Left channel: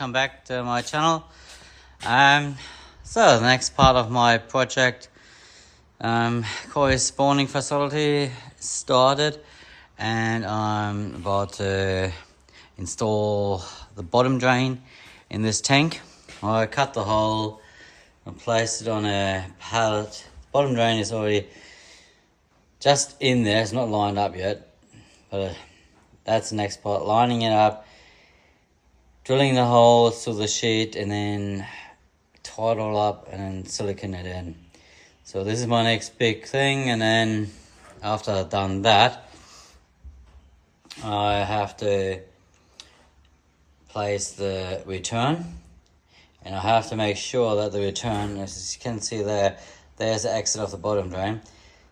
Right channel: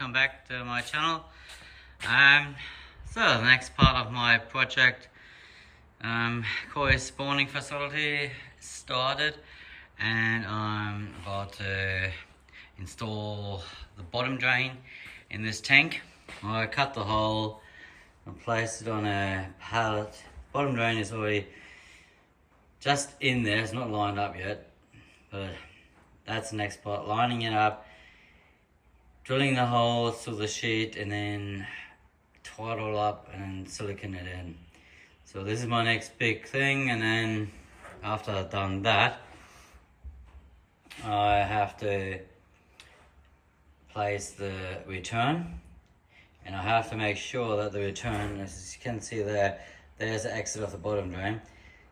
welcome back to my channel. So the next part of my project, koi spawning facility started, and I'm about to install the bottom drain in this tank. I cut the hole and placed it on a pallet. The bottom drain is already just in there, it's not lined up yet, but that's the next part, lining it up, drilling the holes through the sheet, and then tie it all up and then silicone it in. So this is my next big thing, and then after I've done that, I have to place the return, and I have to make sure that the return, as you can see there, there's the exit of the bottom drain.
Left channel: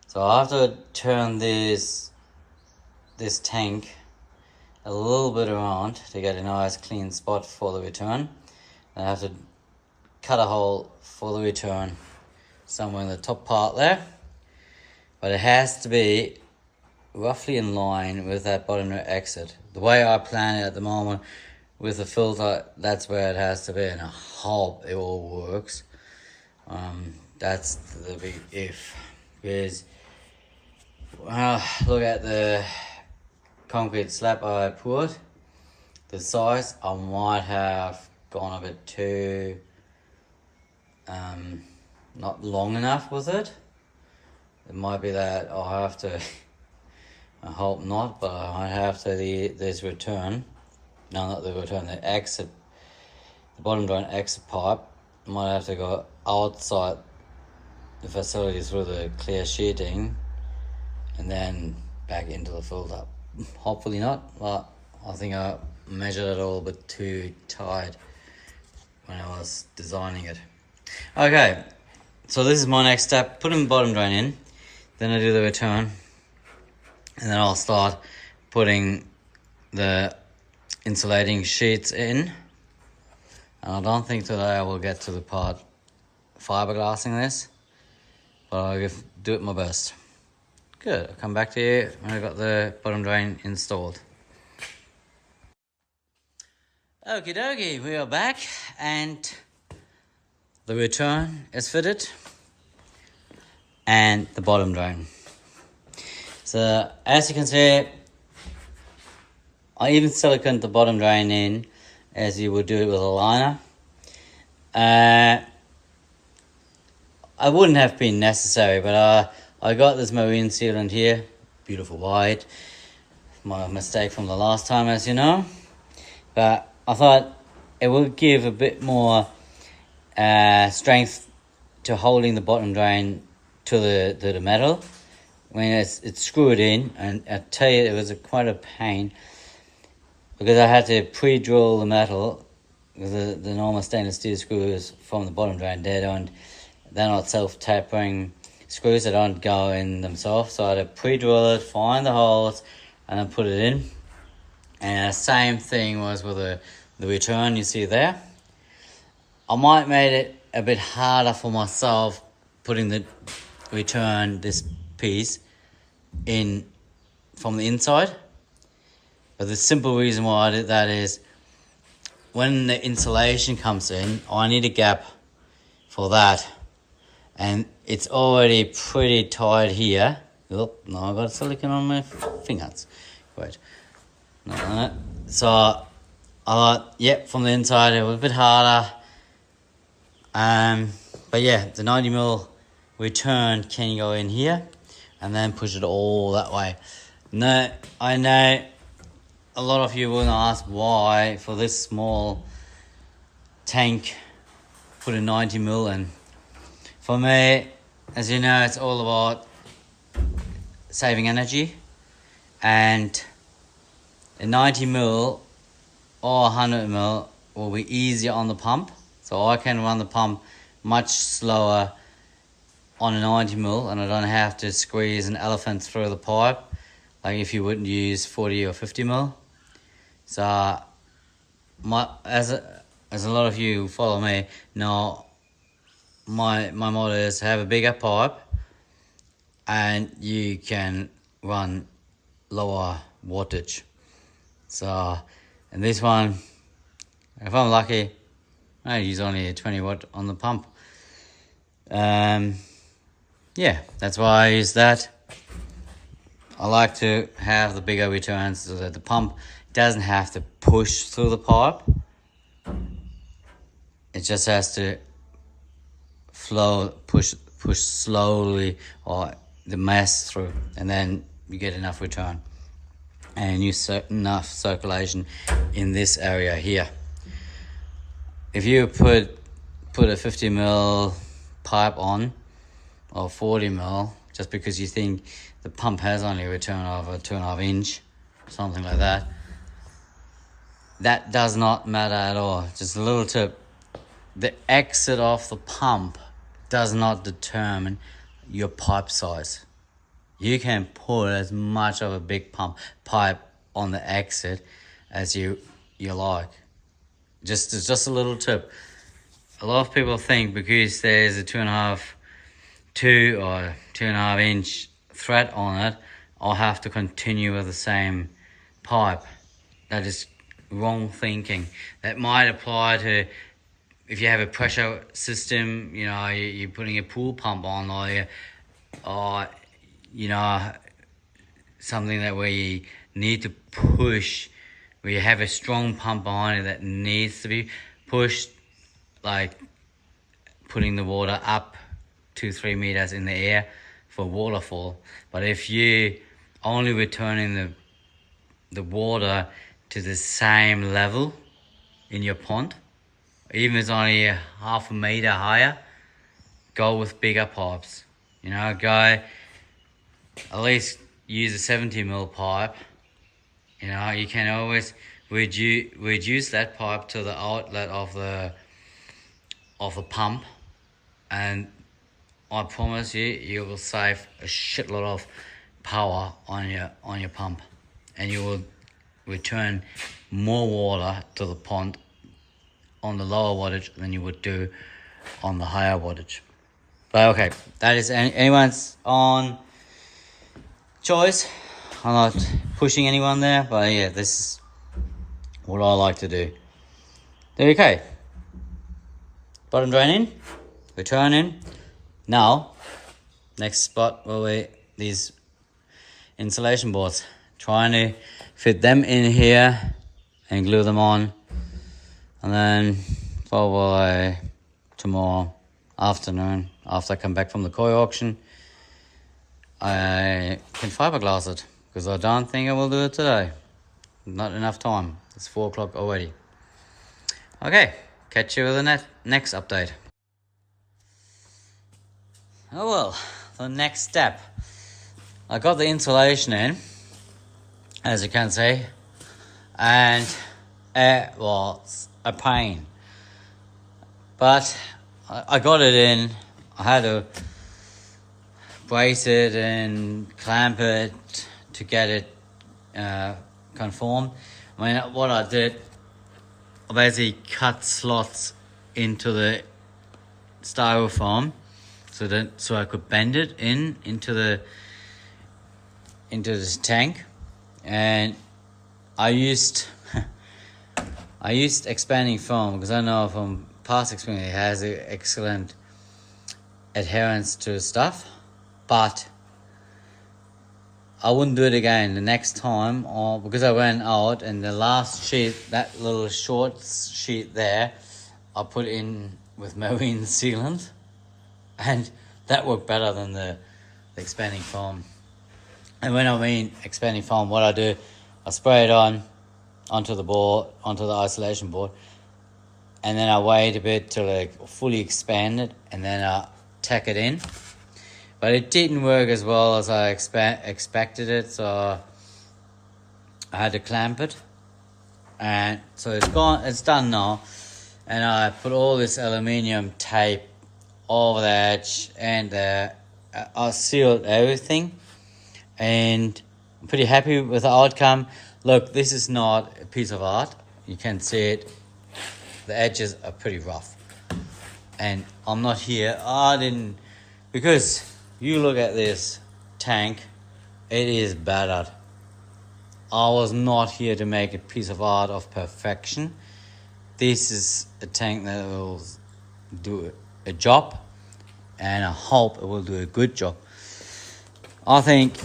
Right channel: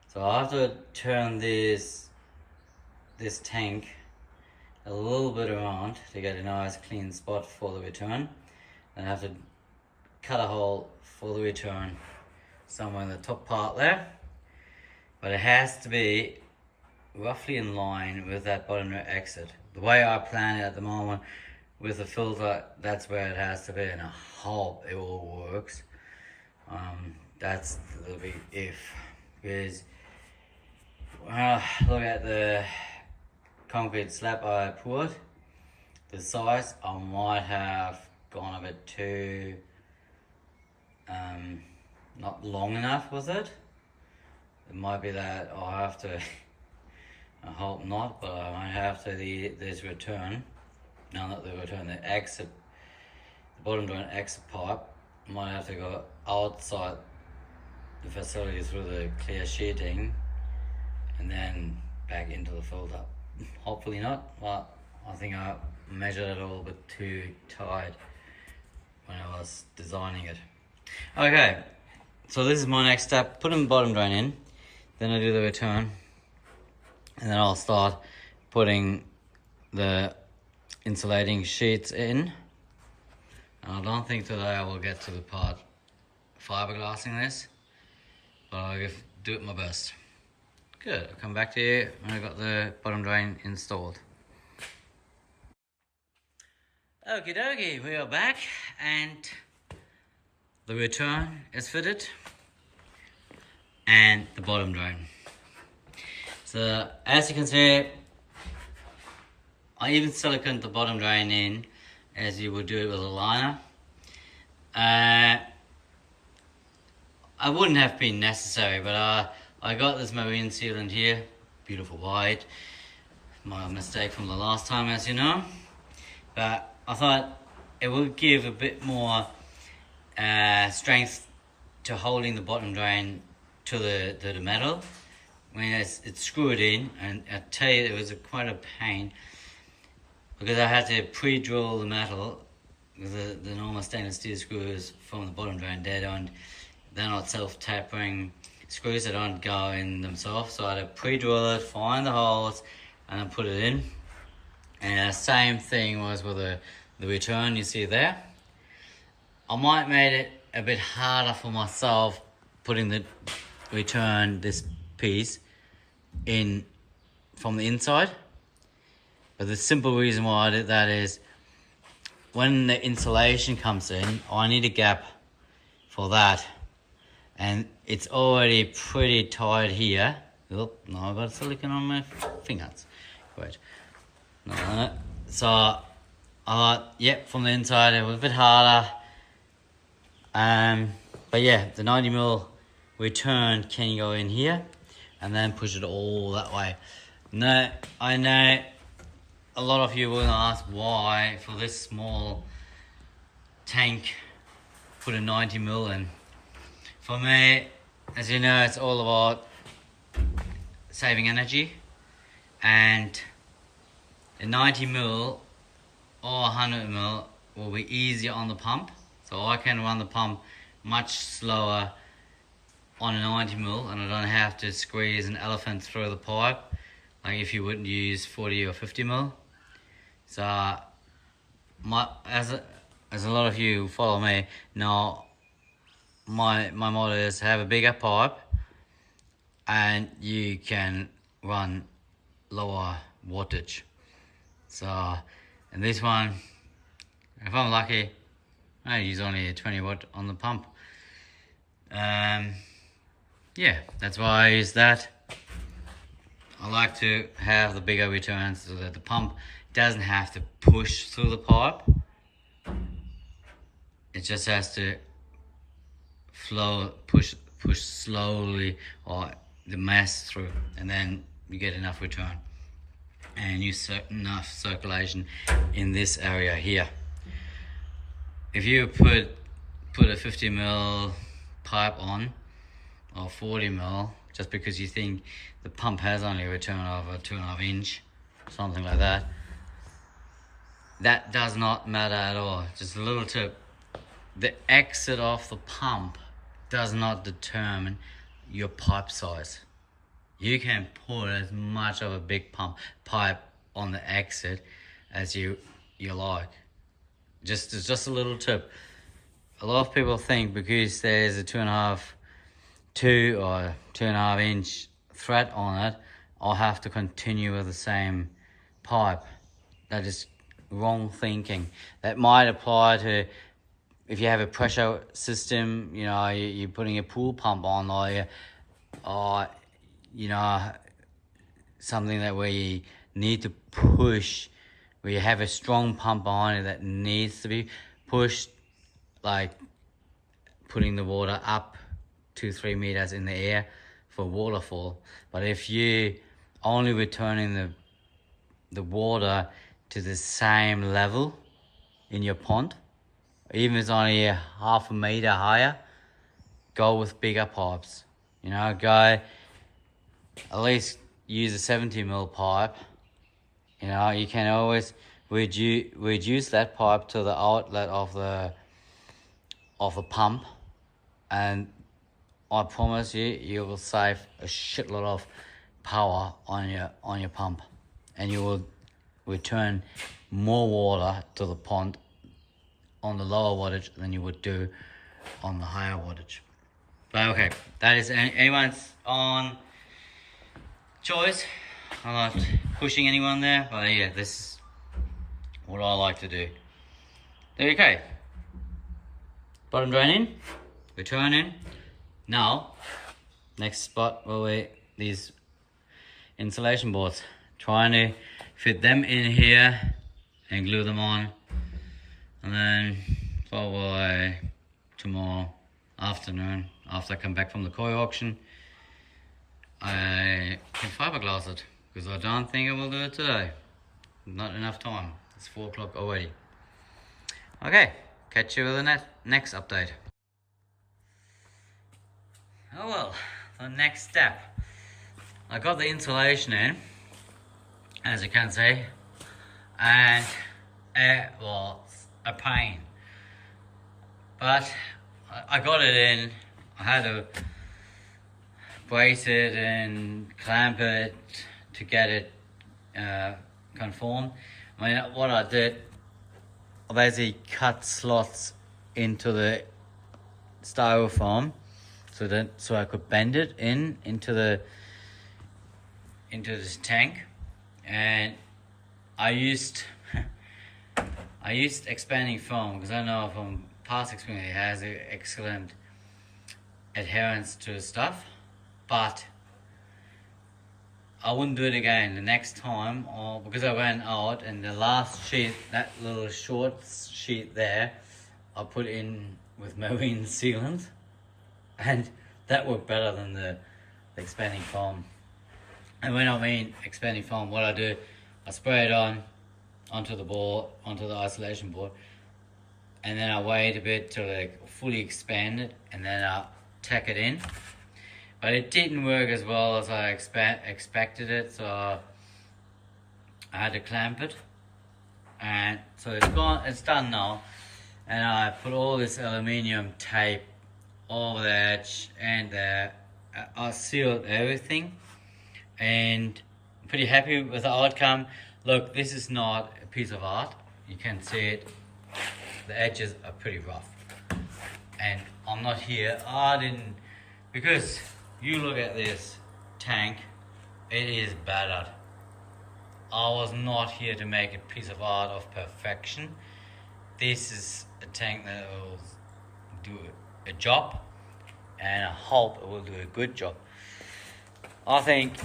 So I have to turn this tank a little bit around to get a nice clean spot for the return. And I have to cut a hole for the return somewhere in the top part there, but it has to be roughly in line with that bottom exit. The way I plan it at the moment with the filter, that's where it has to be, and I hope it all works. That's the big if, because look at the concrete slab I poured, the size, I might have gone a bit too not long enough with it. It might be that I'll have to, I hope not, but I might have to this return, no, not the return, the exit, the bottom drain exit pipe, I might have to go outside the facility through the clear sheeting and then back into the filter. Hopefully not, but I think I measured it all a bit too tight when I was designing it. Okay, so this is my next step, putting the bottom drain in, then I do the return, and then I'll start putting the insulating sheets in. And I don't think today I will get to the part fiberglassing this, but I'll do it my best. Good, I'll come back to you when I got the bottom drain installed. Okie dokie, we are back, and the return is fitted and the bottom drain. So as you can see, I even siliconed the bottom drain in as you would do it with a liner. I wouldn't have been necessary, but I got this marine sealant here, beautiful white, my mistake from the last time, as you know, but I thought it would give a bit more strength to holding the bottom drain to the metal when it's screwed in. And I tell you, it was quite a pain because I had to pre-drill the metal with the normal stainless steel screws from the bottom drain. They're not self-tapering screws, that don't go in themselves, so I had to pre-drill it, find the holes, and then put it in. And the same thing was with the return you see there. I might made it a bit harder for myself putting the return, this piece, in from the inside. But the simple reason why I did that is when the insulation comes in, I need a gap for that. And it's already pretty tight here. Oop, no, I got silicone on my fingers. Great. No. So I thought, yep, from the inside it was a bit harder. But yeah, the 90mm return can go in here and then push it all that way. No, I know a lot of you will ask why for this small tank put a 90mm in. For me, as you know, it's all about saving energy, and a 90mm or 100mm will be easier on the pump. So I can run the pump much slower on a 90mm, and I don't have to squeeze an elephant through the pipe like if you wouldn't use 40 or 50mm. So as a lot of you who follow me know, my motto is have a bigger pipe and you can run lower wattage. So, and this one If I'm lucky, I use only a 20 watt on the pump. Yeah, that's why I use that. I like to have the bigger returns so that the pump doesn't have to push through the pipe. It just has to push slowly, or the mass through, and then you get enough return and enough circulation in this area here. If you put a 50 mil pipe on, or 40 mil, just because you think the pump has only a return of a 2.5 inch, something like that, that does not matter at all. Just a little tip: the exit of the pump does not determine your pipe size. You can put as much of a big pipe on the exit as you like. Just a little tip. A lot of people think because there's a 2.5 or 2.5 inch thread on it, I'll have to continue with the same pipe. That is wrong thinking. That might apply to if you have a pressure system, you know, you're putting a pool pump on, or you know, something that where you need to push, where you have a strong pump on it that needs to be pushed, like putting the water up 2-3 meters in the air for waterfall. But if you only returning the water to the same level in your pond, even if it's only a 0.5 meter higher, go with bigger pipes. You know, go at least use a 70 mil pipe. You know, you can always reduce that pipe to the outlet of the pump, and I promise you will save a shitload of power on your pump, and you will return more water to the pond on the lower wattage than you would do on the higher wattage. But okay, that is anyone's own choice. I'm not pushing anyone there, but yeah, this is what I like to do. Okay, bottom drain in, return in. Now, next spot will be these insulation boards. Trying to fit them in here and glue them on, and then probably tomorrow afternoon, after I come back from the koi auction, I can fiberglass it, because I don't think I will do it today. Not enough time. It's 4 o'clock already. Okay, catch you with the next update. Oh well, the next step. I got the insulation in, as you can see, and it was a pain. But I got it in. I had to brace it and clamp it to get it conform. I mean, what I did, I basically cut slots into the styrofoam so I could bend it into this tank, and I used expanding foam because I know from past experience it has excellent adherence to stuff, but I wouldn't do it again the next time, or because I ran out, and the last sheet, that little short sheet there, I put in with marine sealant, and that worked better than the expanding foam. And when I mean expanding foam, what I do, I spray it onto the isolation board, and then I wait a bit till it fully expanded, and then I tack it in. But it didn't work as well as I expected it, so I had to clamp it. And so it's done now. And I put all this aluminium tape over the edge, and I sealed everything. And I'm pretty happy with the outcome. Look, this is not a piece of art. You can see it. The edges are pretty rough. And I'm not here. Because you look at this tank, it is battered. I was not here to make a piece of art of perfection. this is a tank that will do a job, and I hope it will do a good job. I think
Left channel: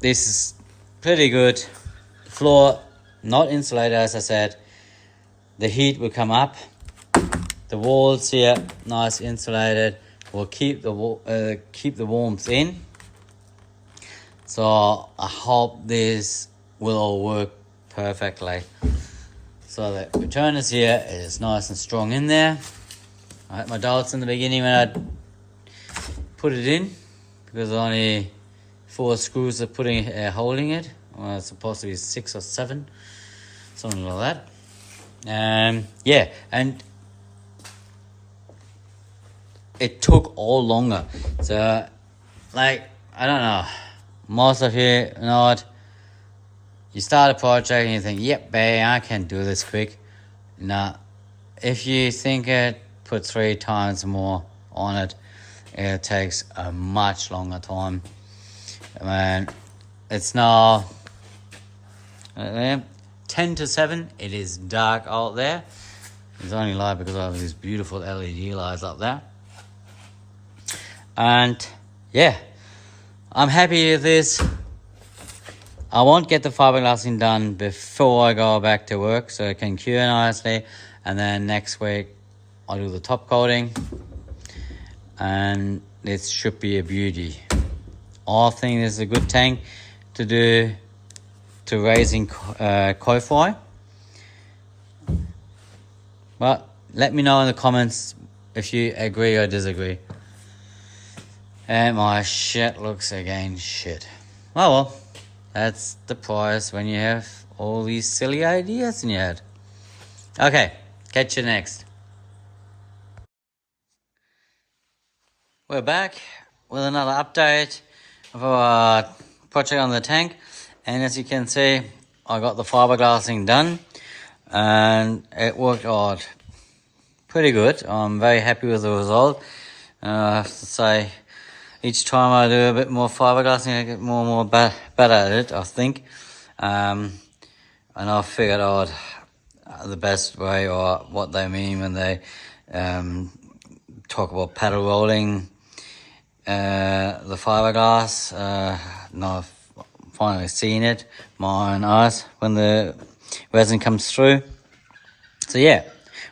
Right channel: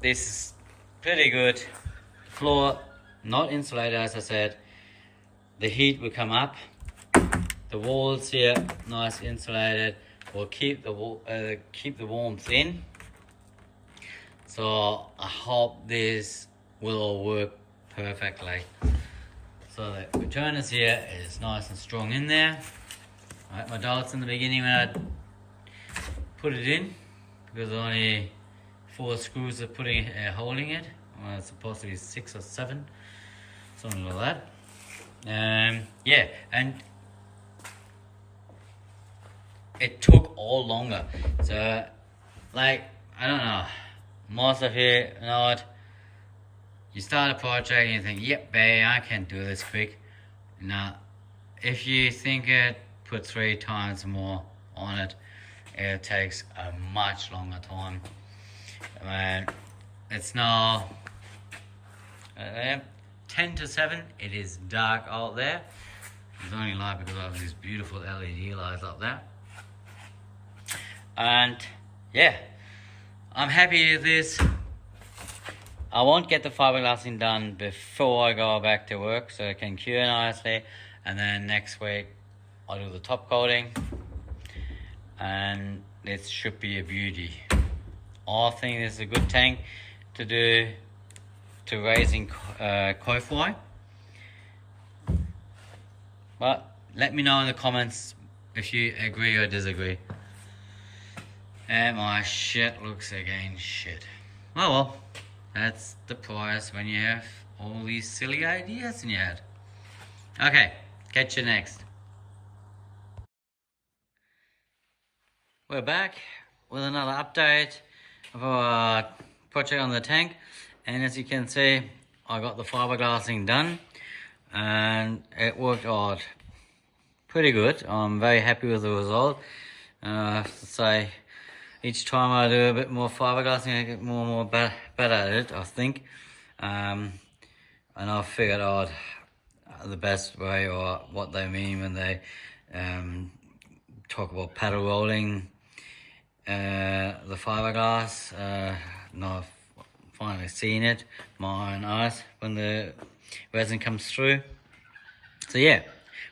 this is pretty good. Floor not insulated, as I said. The heat will come up. The walls here nice insulated. Will keep the warmth in. So I hope this will all work perfectly. So the returners here is nice and strong in there. I had my doubts in the beginning when I put it in, because only 4 screws are holding it. Well, it's supposed to be 6 or 7, something like that. Yeah, and it took all longer. So, like, I don't know, most of you know it. You start a project and you think, yep, babe, I can do this quick. Now, if you think it, put 3 times more on it, it takes a much longer time. And it's now 10 to 7. It is dark out there. It's only light because I have these beautiful LED lights up there. And yeah, I'm happy with this. I won't get the fiberglassing done before I go back to work, so it can cure nicely. And then next week I'll do the top coating, and it should be a beauty. I think this is a good tank to do to raising koi. But let me know in the comments if you agree or disagree. And my shit looks again shit. Oh well, that's the price when you have all these silly ideas in your head. Okay, catch you next. We're back with another update of our project on the tank. And as you can see, I got the fiberglassing done and it worked out pretty good. I'm very happy with the result. I have to say, each time I do a bit more fiberglassing, I get more and more better at it, I think. And I've figured out the best way, or what they mean when they talk about paddle rolling the fiberglass. Now I've finally seen it, my own eyes, when the resin comes through. So yeah,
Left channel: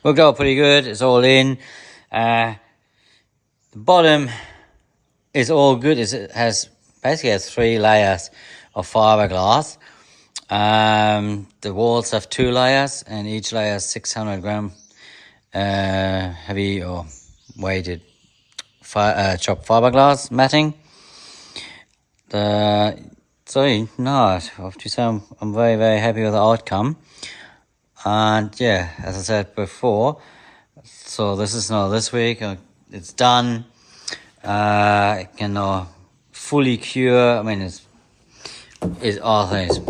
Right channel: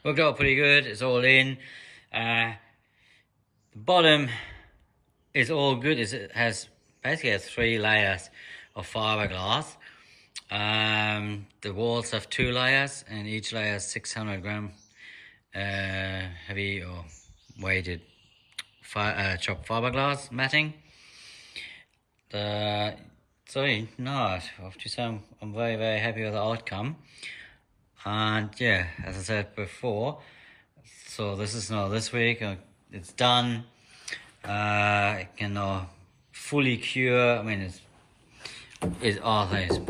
we'll go pretty good. It's all in. The bottom is all good. It basically has 3 layers of fiberglass. The walls have 2 layers, and each layer is 600 gram heavy or weighted chopped fiberglass matting. So no, I have to say I'm very, very happy with the outcome. And yeah, as I said before, so this is now this week. It's done. It can now fully cure. I mean, I think it's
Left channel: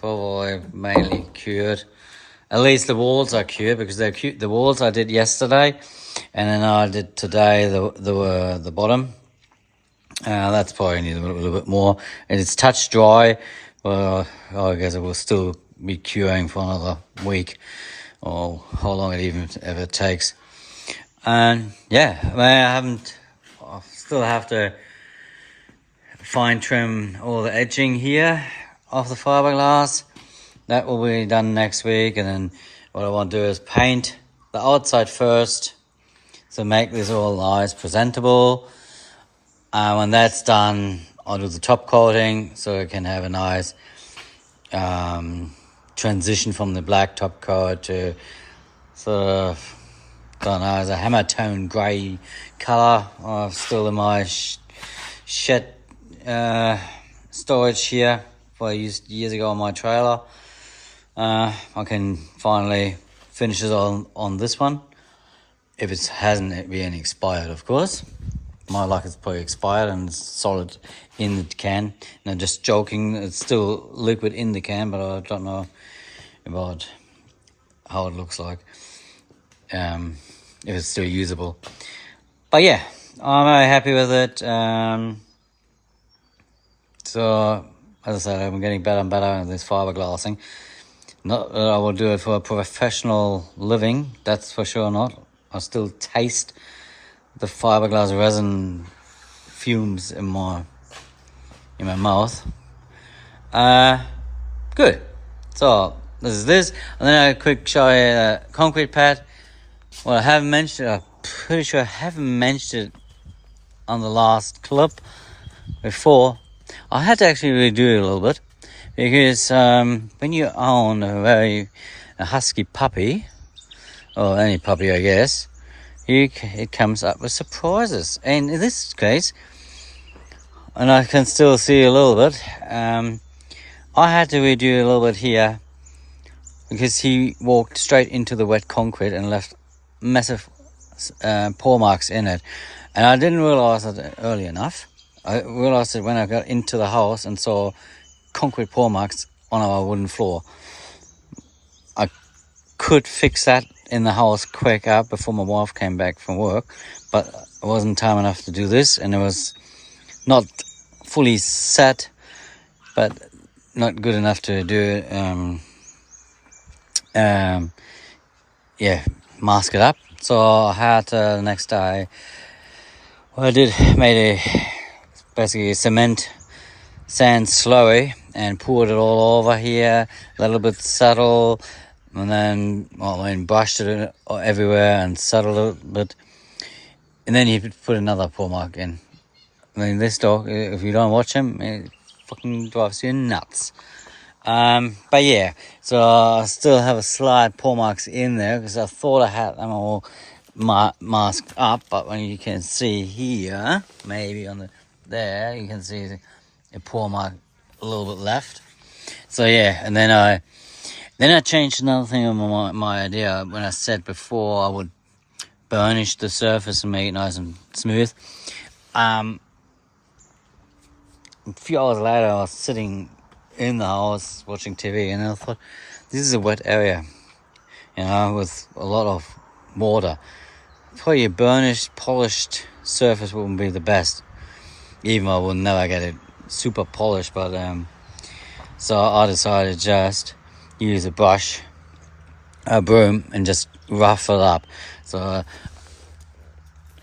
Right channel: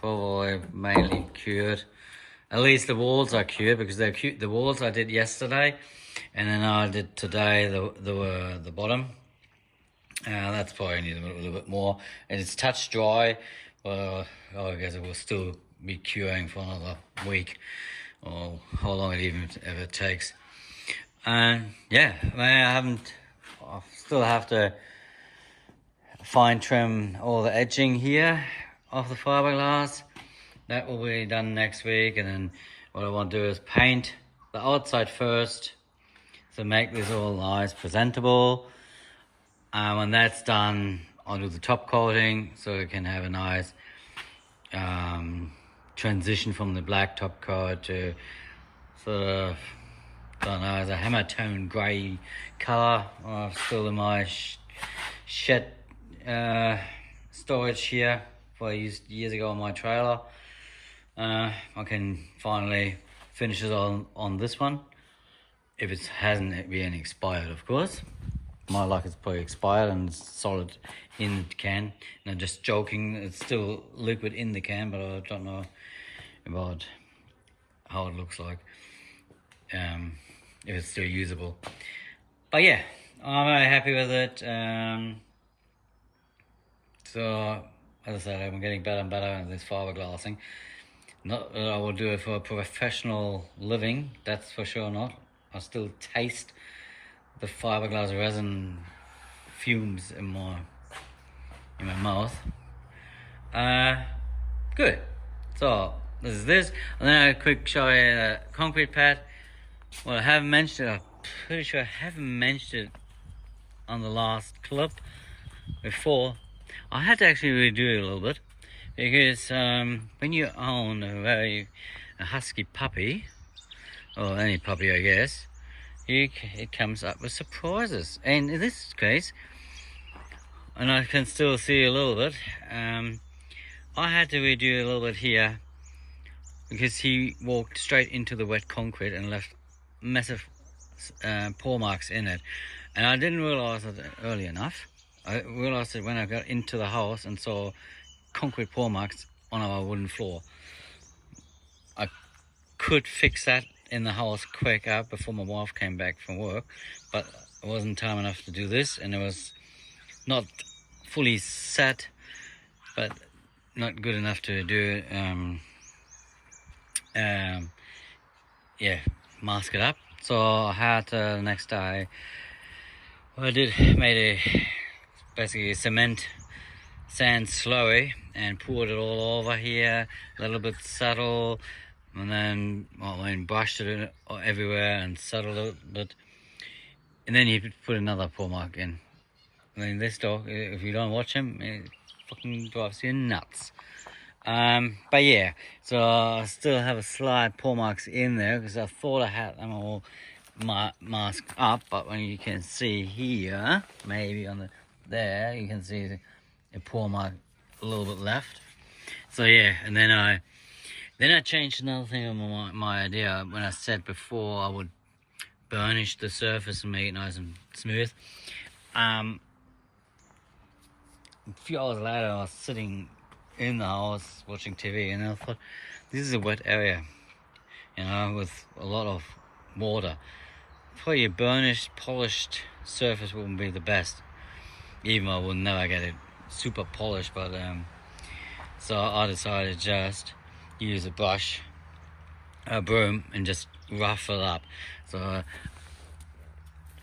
probably mainly cured. At least the walls are cured, because they're cute. The walls I did yesterday, and then I did today the bottom. That's probably needs a little bit more. And it's touch dry. Well, I guess it will still be curing for another week, or how long it even ever takes. And yeah, I mean, I still have to fine trim all the edging here of the fiberglass. That will be done next week. And then what I want to do is paint the outside first, so make this all nice, presentable. When that's done, I'll do the top coating, so it can have a nice transition from the black top coat to sort of, I don't know, as a hammer tone grey colour. Still in my shed storage here, what I used years ago on my trailer. I can finally finish it on this one, if it hasn't been expired, of course. My luck is probably expired and it's solid in the can. No, just joking, it's still liquid in the can, but I don't know about how it looks like, if it's still usable. But yeah, I'm very happy with it. So as I said, I'm getting better and better at this fiberglassing. Not that I will do it for a professional living, that's for sure not. I still taste the fiberglass resin fumes in my mouth. Good. So this is this, and then a quick show you the concrete pad. Well, I haven't mentioned it. I'm pretty sure I haven't mentioned it on the last clip before. I had to actually redo it a little bit because when you own a husky puppy, or any puppy, I guess, it comes up with surprises. And in this case, and I can still see a little bit, I had to redo a little bit here because he walked straight into the wet concrete and left massive paw marks in it. And I didn't realize it early enough. I realized it when I got into the house and saw concrete paw marks on our wooden floor. I could fix that in the house quick up before my wife came back from work, but it wasn't time enough to do this, and it was not fully set, but not good enough to do mask it up. So I had the next day, what I did, made basically a cement sand slurry and poured it all over here, a little bit subtle, and then brushed it everywhere and settled it a bit, and then you could put another paw mark in. I mean, this dog, if you don't watch him, it fucking drives you nuts. But yeah, so I still have a slight paw marks in there because I thought I had them all masked up, but when you can see here, maybe on there, you can see a paw mark a little bit left. So yeah, and then I changed another thing on my idea when I said before I would burnish the surface and make it nice and smooth. A few hours later, I was sitting in the house watching TV, and I thought, this is a wet area, with a lot of water. Probably a burnished, polished surface wouldn't be the best, even though I would never get it super polished. But so I decided just use a broom, and just rough it up. So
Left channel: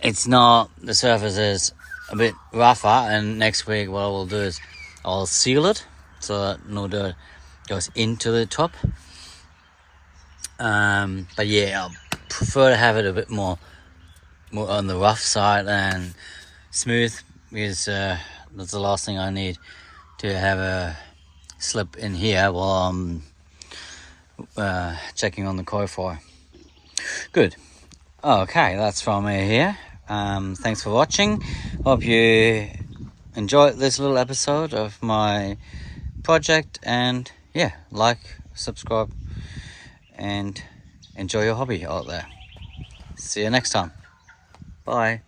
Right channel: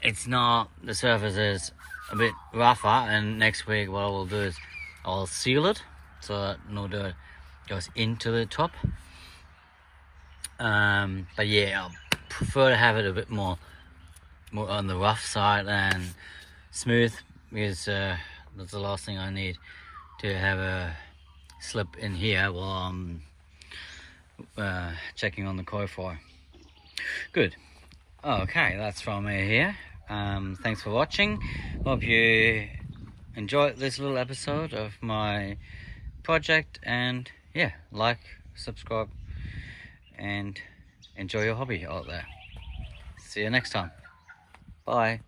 it's not, the surface is a bit rougher, and next week what I will do is I'll seal it so that no dirt goes into the top. But yeah, I prefer to have it a bit more on the rough side than smooth, because that's the last thing I need, to have a slip in here while I'm checking on the koi fire. Good. Okay, that's from me here. Thanks for watching. Hope you enjoyed this little episode of my project, and yeah, like, subscribe, and enjoy your hobby out there. See you next time. Bye.